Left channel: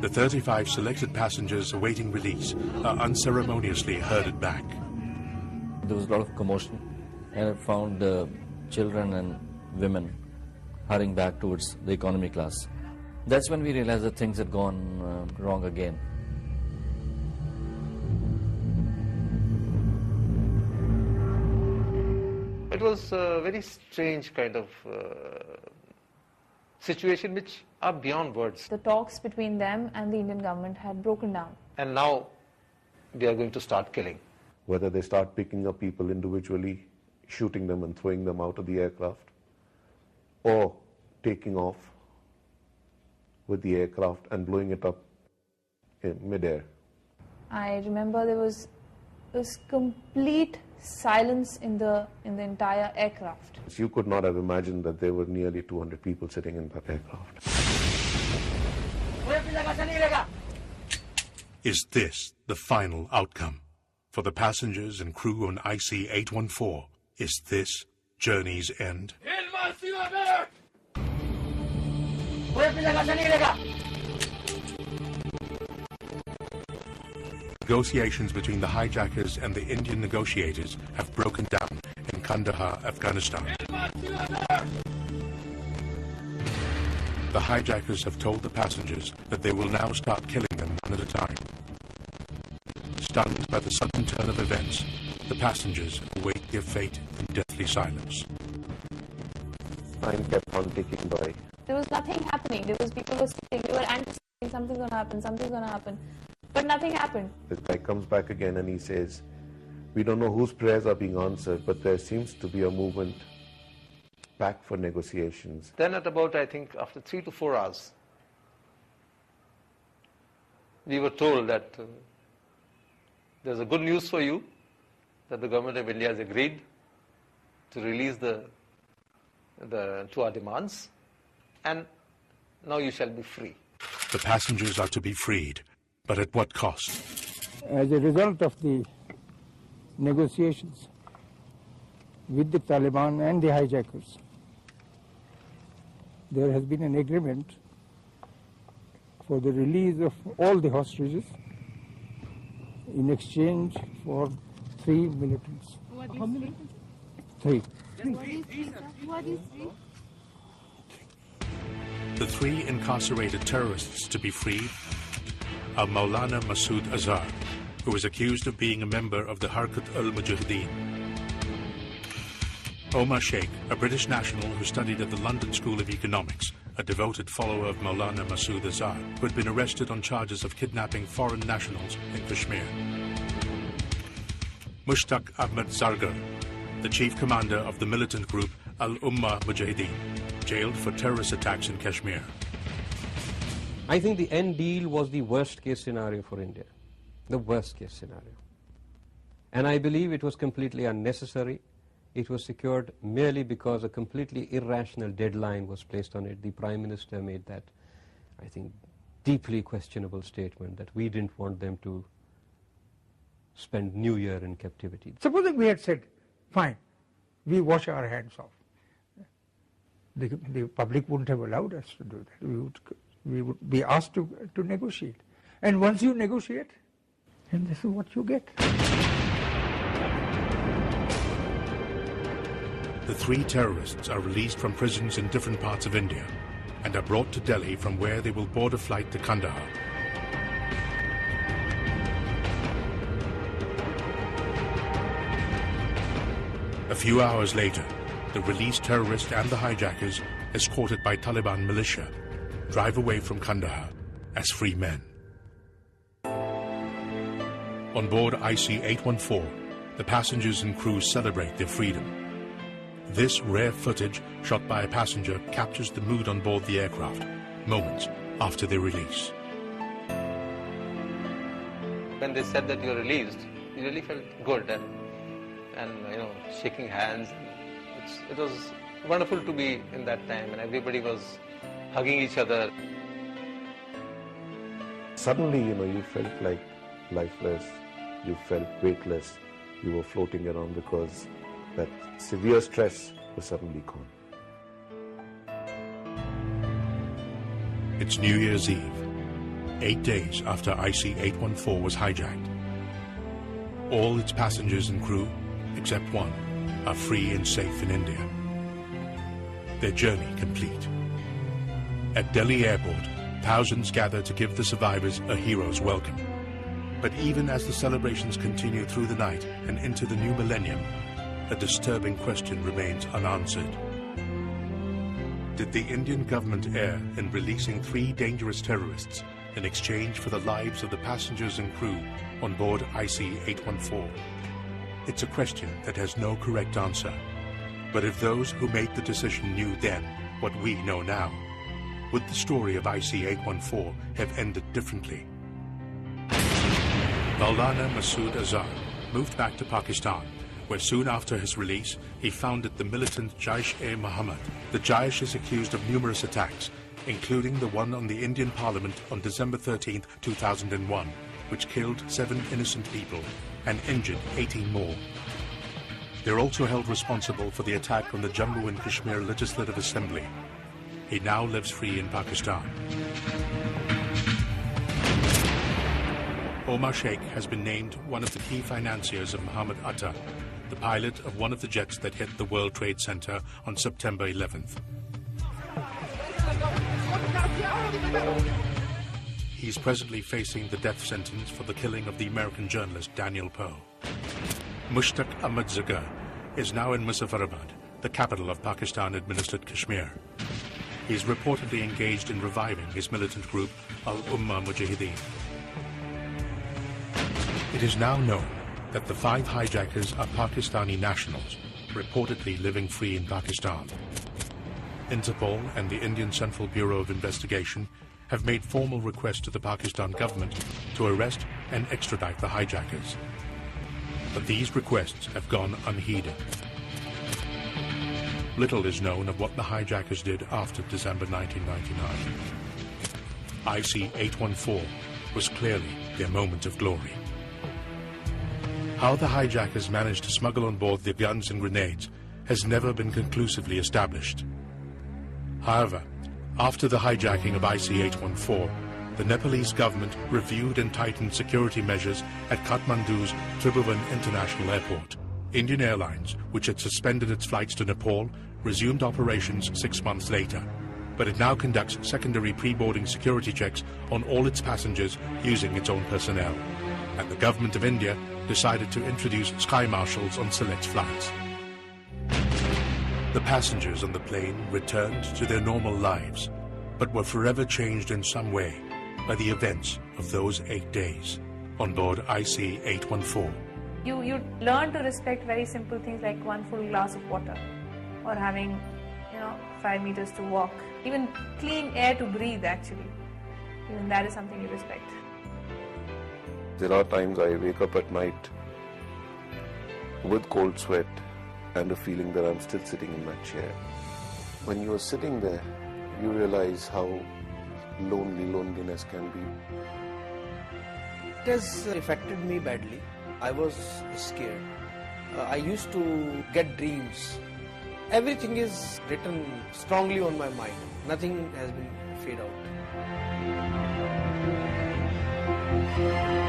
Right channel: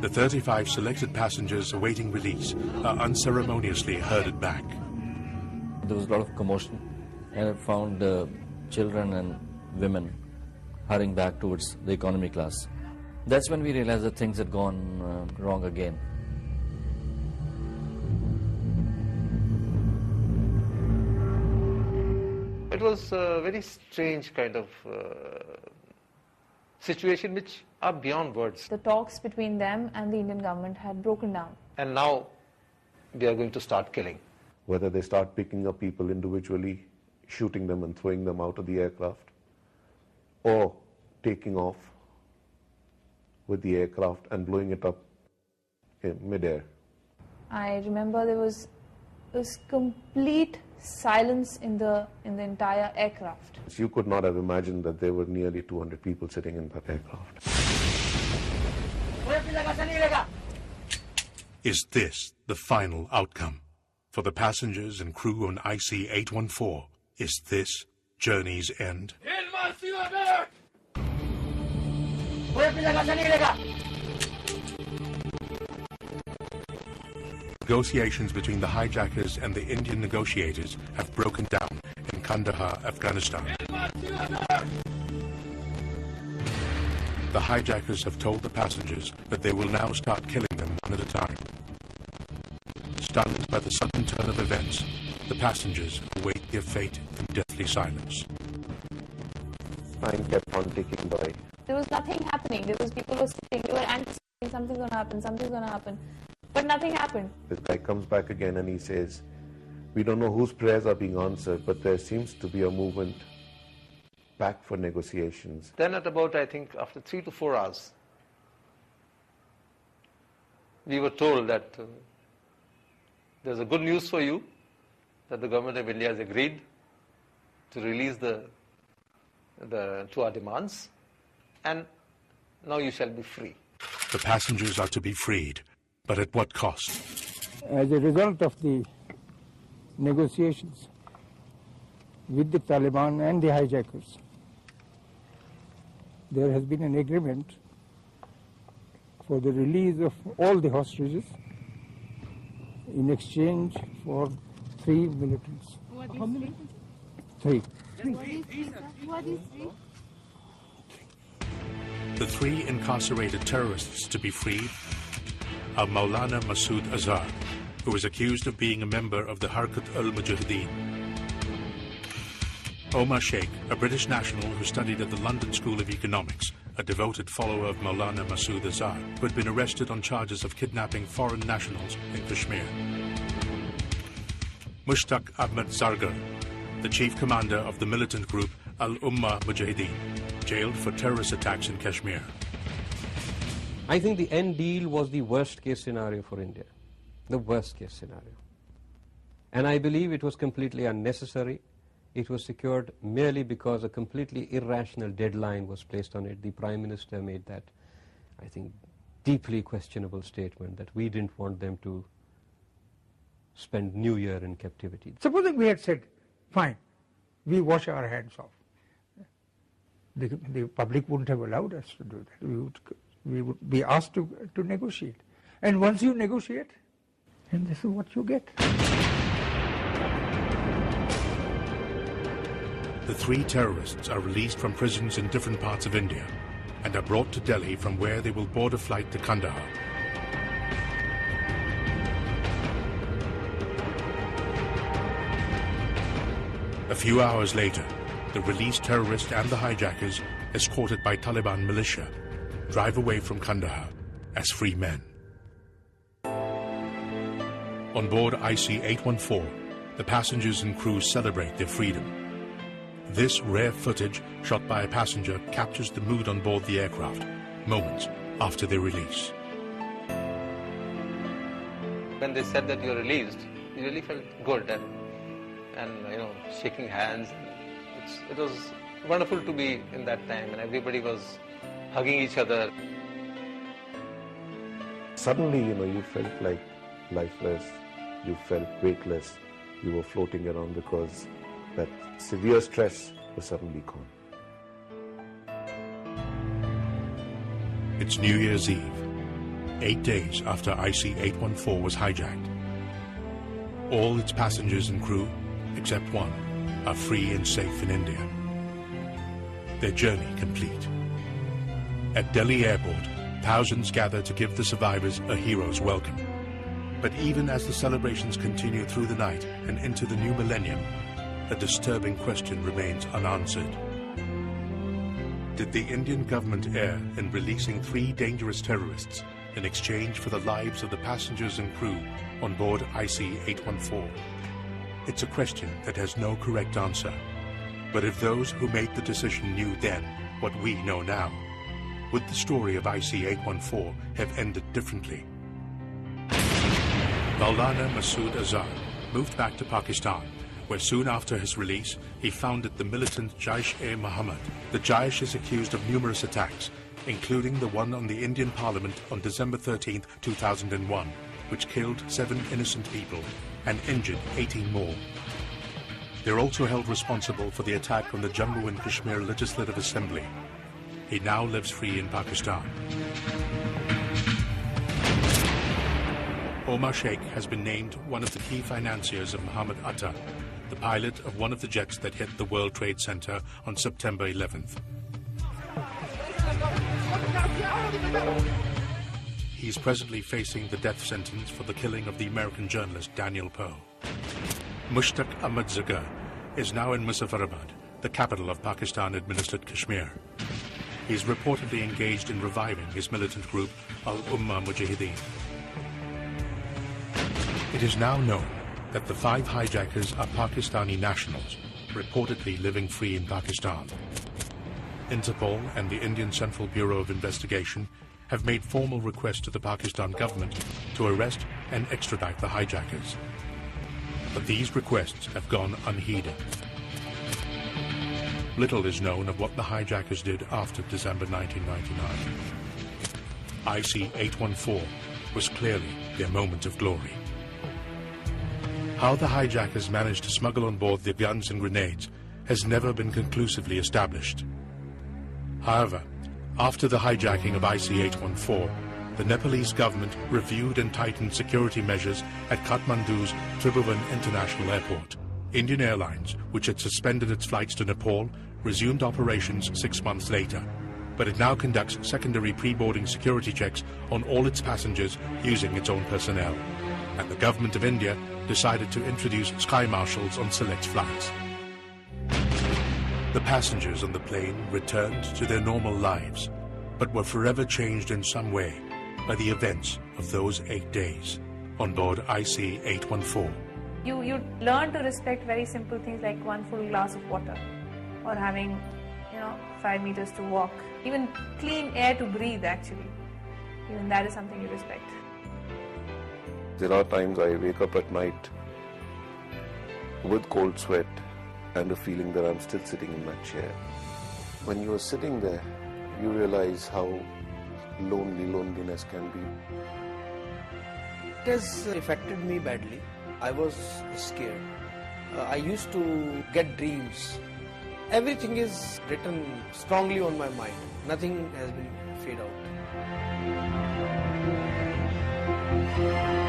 The 35 selected passengers awaiting release are unceremoniously herded back. There was a lot of commotion. I found children and women hurrying back towards the economy class. That's when we realized that things had gone wrong again. It was a very strange kind of situation which are beyond words. The talks between them and the Indian government had broken down. And now they are going to start killing. Whether they start picking up people individually, shooting them and throwing them out of the aircraft, or taking off with the aircraft and blowing it up in midair. I remember there was this complete silence in the entire aircraft. You could not have imagined that there were nearly 200 people sitting in that aircraft. Is this the final outcome? For the passengers and crew on IC814, is this journey's end? Negotiations between the hijackers and the Indian negotiators have broken down in Kandahar, Afghanistan. The hijackers have told the passengers that they will now start killing them one at a time. Stunned by the sudden turn of events, the passengers await their fate in deathly silence. Time kept on ticking by. There was nothing happening. There was people were sitting, they were anticipating something's going to happen, something's going to happen. But nothing happened. The guy comes back again and he says, we don't know whose prayers are being answered, but there seems to be a movement back for negotiations. Then at about, I think, after 3 to 4 hours, we were told that there's a good news for you, that the government of India has agreed to release to our demands, and now you shall be free. The passengers are to be freed, but at what cost? As a result of the negotiations with the Taliban and the hijackers, there has been an agreement for the release of all the hostages in exchange for 3 militants. How many? 3. Who are these 3? The 3 incarcerated terrorists to be freed are Maulana Masood Azhar, who is accused of being a member of the Harkat al-Mujahideen; Omar Sheikh, a British national who studied at the London School of Economics, a devoted follower of Maulana Masood Azhar, who had been arrested on charges of kidnapping foreign nationals in Kashmir; Mushtaq Ahmed Zargar, the chief commander of the militant group Al-Ummah Mujahideen, jailed for terrorist attacks in Kashmir. I think the end deal was the worst case scenario for India, the worst case scenario. And I believe it was completely unnecessary. It was secured merely because a completely irrational deadline was placed on it. The Prime Minister made that, I think, deeply questionable statement that we didn't want them to spend New Year in captivity. Supposing we had said, fine, we wash our hands off. The public wouldn't have allowed us to do that. We would be asked to negotiate. And once you negotiate, then this is what you get. The 3 terrorists are released from prisons in different parts of India and are brought to Delhi, from where they will board a flight to Kandahar. A few hours later, the released terrorist and the hijackers, escorted by Taliban militia, drive away from Kandahar as free men. On board IC814, the passengers and crew celebrate their freedom. This rare footage, shot by a passenger, captures the mood on board the aircraft, moments after their release. When they said that you're released, you really felt good and shaking hands. It was wonderful to be in that time, and everybody was hugging each other. Suddenly, you felt like lifeless, you felt weightless, you were floating around because that severe stress was suddenly gone. It's New Year's Eve, 8 days after IC814 was hijacked. All its passengers and crew, except one, are free and safe in India. Their journey complete. At Delhi Airport, thousands gather to give the survivors a hero's welcome. But even as the celebrations continue through the night and into the new millennium, a disturbing question remains unanswered. Did the Indian government err in releasing 3 dangerous terrorists in exchange for the lives of the passengers and crew on board IC814? It's a question that has no correct answer. But if those who made the decision knew then what we know now, would the story of IC814 have ended differently? Maulana Masood Azhar moved back to Pakistan, where soon after his release, he founded the militant Jaish-e-Mohammed. The Jaish is accused of numerous attacks, including the one on the Indian Parliament on December 13, 2001, which killed 7 innocent people and injured 18 more. They're also held responsible for the attack on the Jammu and Kashmir Legislative Assembly. He now lives free in Pakistan. Omar Sheikh has been named one of the key financiers of Mohammed Atta, the pilot of one of the jets that hit the World Trade Center on September 11th. He's presently facing the death sentence for the killing of the American journalist Daniel Poe. Mushtaq Ahmad Zagar is now in Muzaffarabad, the capital of Pakistan-administered Kashmir. He's reportedly engaged in reviving his militant group, Al-Ummah Mujahideen. It is now known that the 5 hijackers are Pakistani nationals, reportedly living free in Pakistan. Interpol and the Indian Central Bureau of Investigation have made formal requests to the Pakistan government to arrest and extradite the hijackers. But these requests have gone unheeded. Little is known of what the hijackers did after December 1999. IC814 was clearly their moment of glory. How the hijackers managed to smuggle on board the guns and grenades has never been conclusively established. However, after the hijacking of IC814, the Nepalese government reviewed and tightened security measures at Kathmandu's Tribhuvan International Airport. Indian Airlines, which had suspended its flights to Nepal, resumed operations 6 months later, but it now conducts secondary pre-boarding security checks on all its passengers using its own personnel. And the government of India decided to introduce sky marshals on select flights. The passengers on the plane returned to their normal lives, but were forever changed in some way by the events of those 8 days on board IC814. You learn to respect very simple things like one full glass of water, or having 5 meters to walk, even clean air to breathe. Actually, even that is something you respect. There are times I wake up at night with cold sweat and a feeling that I'm still sitting in my chair. When you are sitting there, you realize how loneliness can be. It has affected me badly. I was scared. I used to get dreams. Everything is written strongly on my mind. Nothing has been fade out.